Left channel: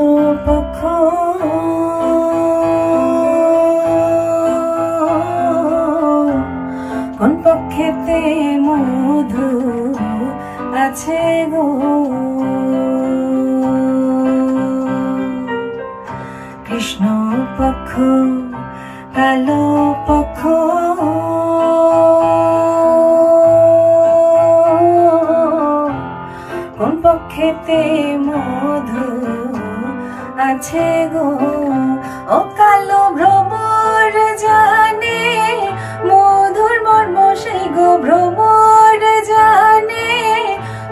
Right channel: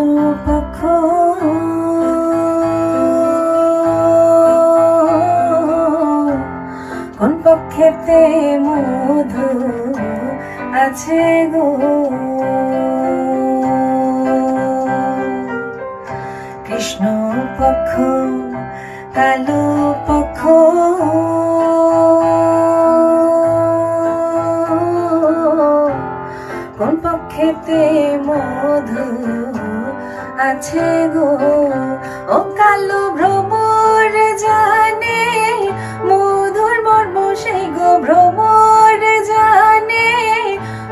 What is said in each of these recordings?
কালো পক্ষ কোন পক্ষেতে মধু আছে গো কৃষ্ণ পক্ষ কালো পক্ষ কোন পক্ষেতে মধু আছে গো ও কালো ভ্রমর জানে মধুর মর্ম সেই গো ভ্রমর জানে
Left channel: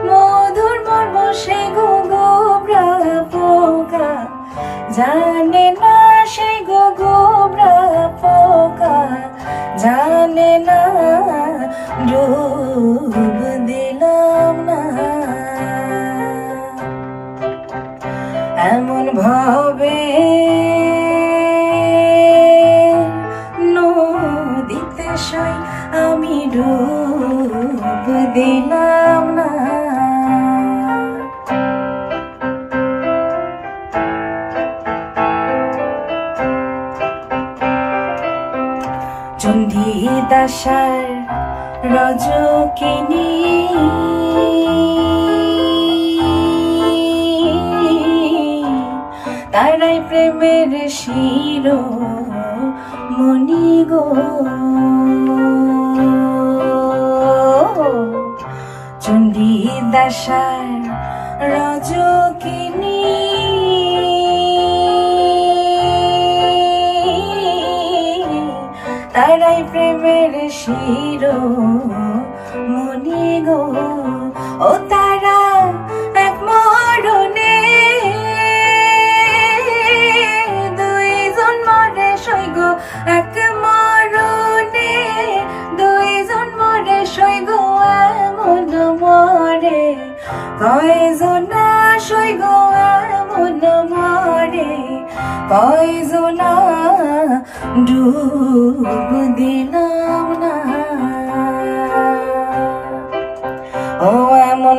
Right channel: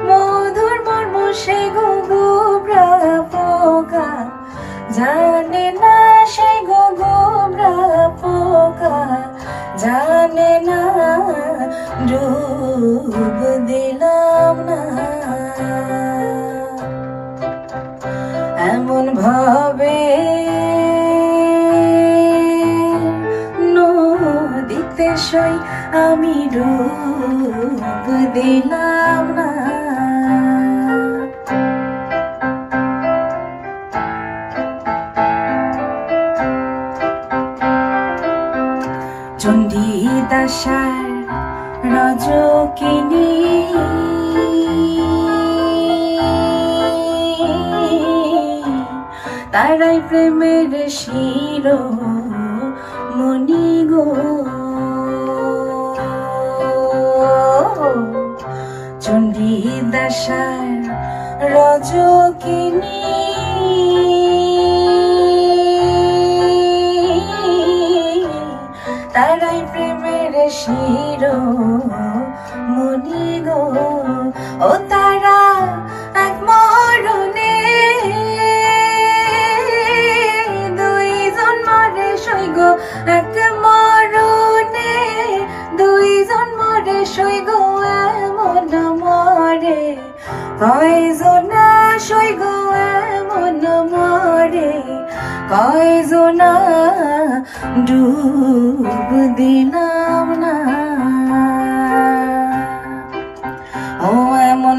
মধুর মর্ম সেই গো গোবরা পোকা জানে না সেই গো গোবরা পোকা জানে না ডুব দিলাম না এমন ভাবে নদীতে সই আমি ডুব দিলাম না চণ্ডী দাসার রজকিনী তারাই প্রেমের শিরোমণি গো চণ্ডী দাসার রজকিনী তারাই প্রেমের শিরোমণি গো ও তারা এক মরণে দুইজন মরে সই গো এক মরণে দুইজন মরে সই গো এমন মরে কয়জনা সই গো এমন মরে কয়জনা ডুব দিলাম না ও এমন